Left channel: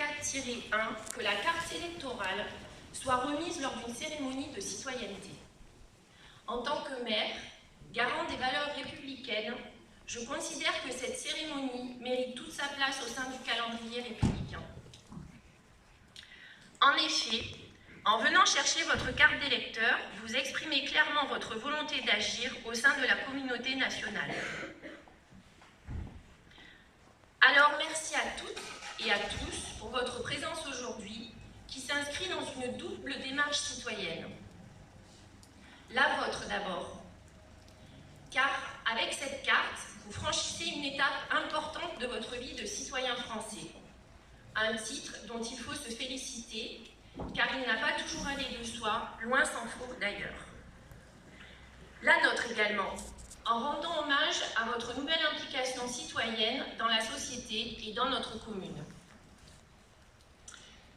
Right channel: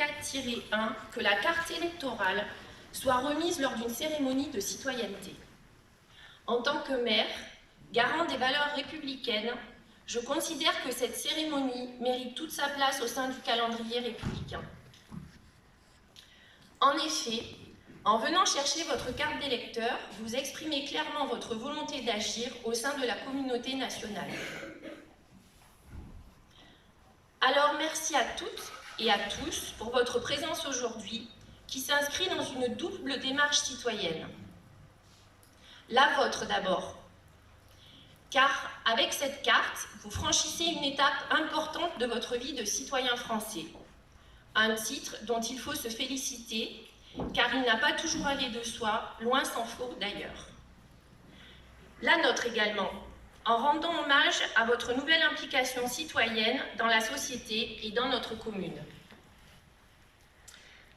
4-1 que la carte électorale soit remise lors d'une cérémonie de citoyenneté. En tant que maire, garant des valeurs républicaines, je considère que cette cérémonie mérite toute sa place au sein du calendrier républicain. En effet, en venant chercher votre carte d'électeur, vous exprimez clairement votre volonté d'agir au sein de la communauté nationale. Alors merci à toutes et à tous pour votre présence aujourd'hui, qui s'inscrit dans une double démarche citoyenne. La vôtre d'abord, car avec cette carte, vous franchissez une étape importante de votre vie de citoyen français. Un titre dont il faut se féliciter, car il n'a pas toujours allé de soi, loin s'en faut d'ailleurs. La nôtre également, en rendant hommage à votre nouvelle implication citoyenne dans la société et dans notre commune.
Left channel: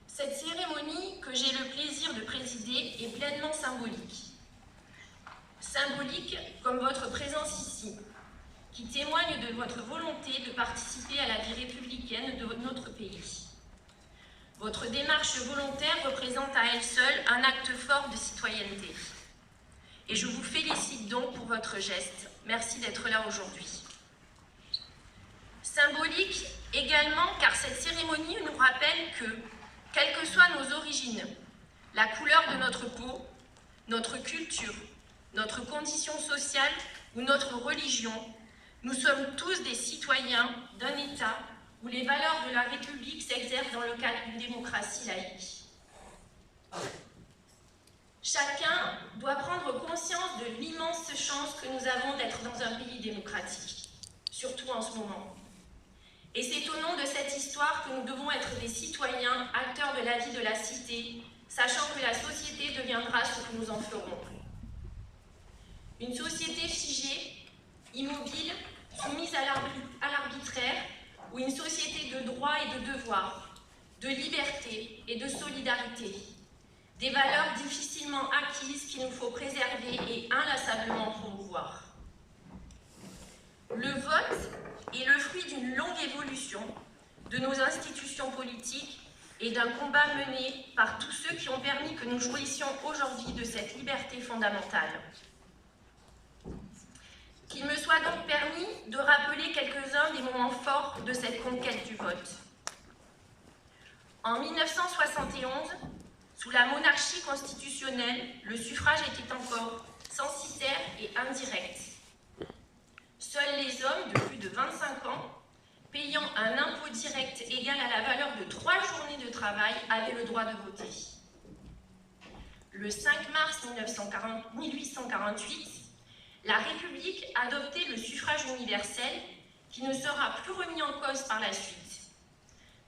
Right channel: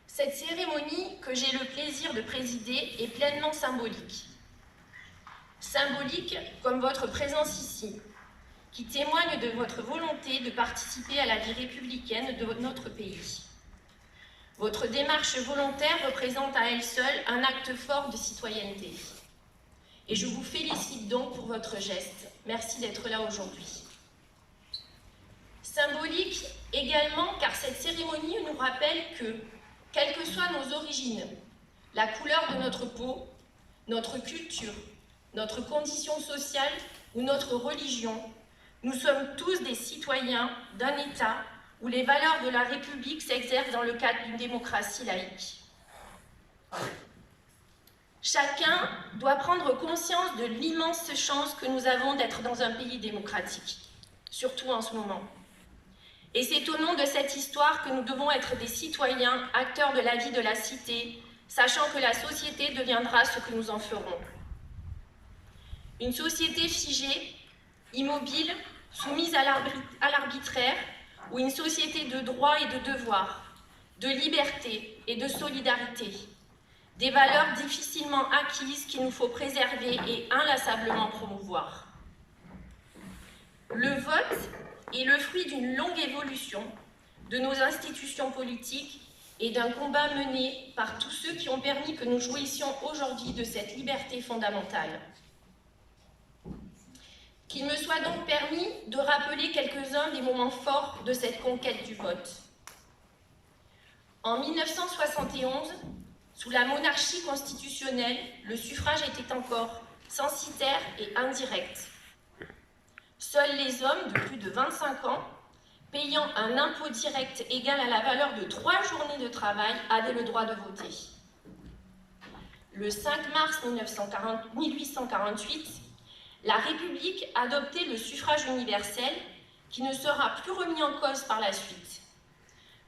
Cette cérémonie que j'ai le plaisir de présider est pleinement symbolique. Symbolique comme votre présence ici, qui témoigne de votre volonté de participer à la vie républicaine de notre pays. Votre démarche volontaire représente à elle seule un acte fort de citoyenneté. Et je vous félicite donc pour votre geste. Merci d'être là aujourd'hui. Symbolique également car cette cérémonie nous rappelle que, quelles que soient nos origines, la couleur de notre peau, notre culture, notre condition sociale ou notre religion, nous sommes tous des citoyens d'un État où les valeurs de la République s'exercent dans le cadre d'une démocratie laïque. Chacun doit prendre conscience de l'immense chance que nous avons d'être dans un pays démocratique, surtout en ce moment. Et c'est au nom de cette histoire que nous devons être des citoyens, acteurs de la vie de la cité, sachant que la société deviendra ce que nous en ferons. Une société figée, immobile, soumise à l'arbitraire, ou une société de droits et de devoirs, de liberté et de solidarité, des valeurs difficilement acquises qu'il nous faut préserver et inlassablement promouvoir. Le vote est le fruit d'une longue évolution de nos institutions politiques et d'un combat mené par tous ceux qui ont permis que nous jouissions aujourd'hui de cette liberté fondamentale. Qu'il me soit donc permis de rappeler quelques-uns des moments forts de cette conquête du vote. En 1971, sous la monarchie constitutionnelle, le suffrage était encore censitaire et indirect. Seuls les hommes de plus de 25 ans, payant un impôt direct égal à la valeur de 3 journées de travail, avaient le droit de voter. Le 5 mars 1848, la République adoptait le suffrage universel qui ne sera plus remis en cause par la suite.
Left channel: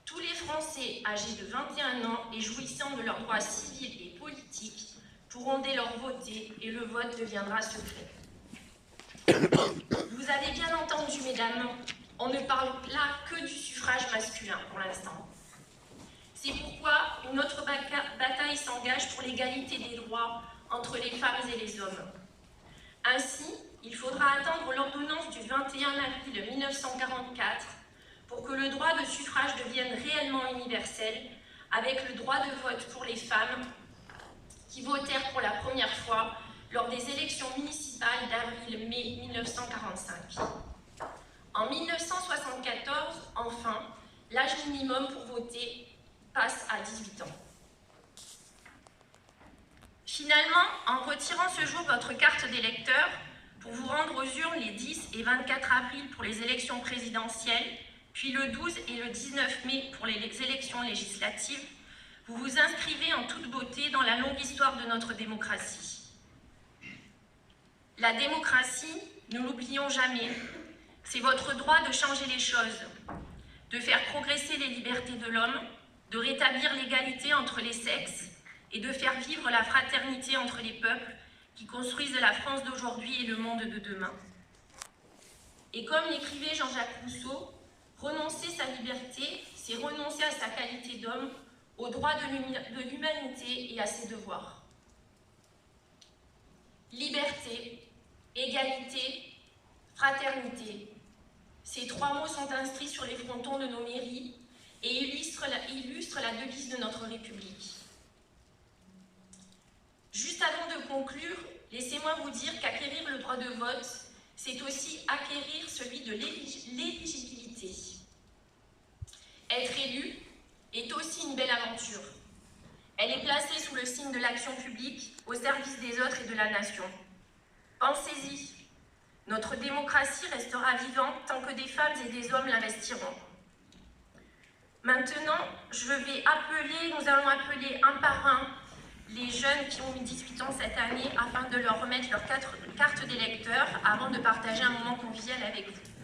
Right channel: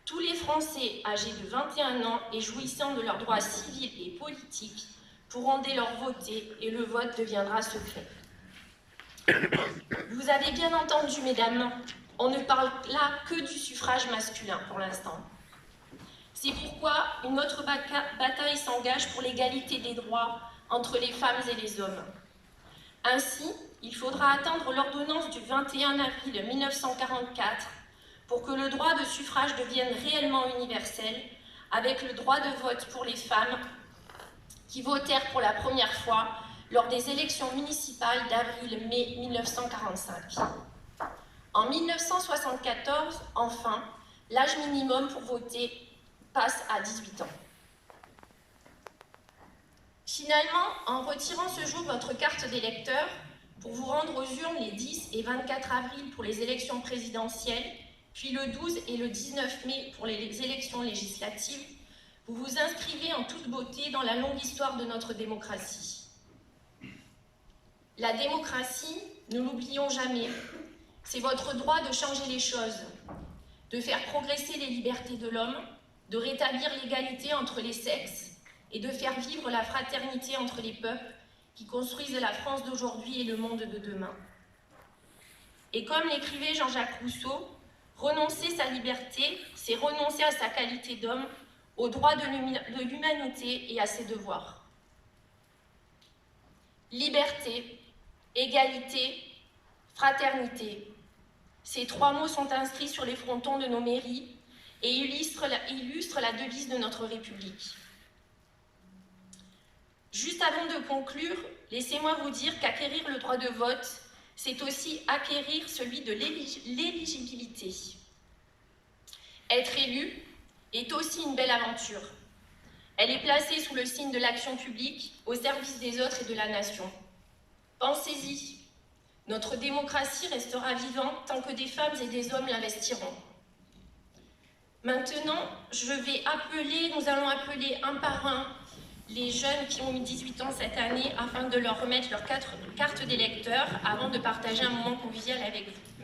Tous les Français âgés de 21 ans et jouissant de leurs droits civils et politiques pourront dès lors voter et le vote deviendra secret. Vous avez bien entendu, mesdames, on ne parle là que du suffrage masculin pour l'instant. C'est pourquoi une autre bataille s'engage pour l'égalité des droits entre les femmes et les hommes. Ainsi, il faudra attendre l'ordonnance du 21 avril 1944 pour que le droit de suffrage devienne réellement universel, avec le droit de vote pour les femmes qui votèrent pour la première fois lors des élections municipales d'avril-mai 1945. En 1974, enfin, l'âge minimum pour voter passe à 18 ans. Finalement, en retirant ce jour votre carte d'électeur pour vous rendre aux urnes les 10 et 24 avril pour les élections présidentielles, puis le 12 et le 19 mai pour les élections législatives, vous vous inscrivez en toute beauté dans la longue histoire de notre démocratie. La démocratie, ne l'oublions jamais, c'est votre droit de changer les choses, de faire progresser les libertés de l'homme, de rétablir l'égalité entre les sexes et de faire vivre la fraternité entre les peuples qui construisent la France d'aujourd'hui et le monde de demain. Et comme l'écrivait Jean-Jacques Rousseau, renoncer sa liberté, c'est renoncer à sa qualité d'homme, aux droits de l'humanité et à ses devoirs. Liberté, égalité, fraternité, ces 3 mots sont inscrits sur les frontons de nos mairies et illustre la devise de notre République. Juste avant de conclure, laissez-moi vous dire qu'acquérir le droit de vote, c'est aussi acquérir celui de l'éligibilité. Être élu est aussi une belle aventure. Elle est placée sous le signe de l'action publique, au service des autres et de la nation. Pensez-y, notre démocratie restera vivante tant que des femmes et des hommes l'investiront. Maintenant, nous allons appeler un par un les jeunes qui ont eu 18 ans cette année afin de leur remettre leur carte d'électeur avant de partager un moment convivial avec vous.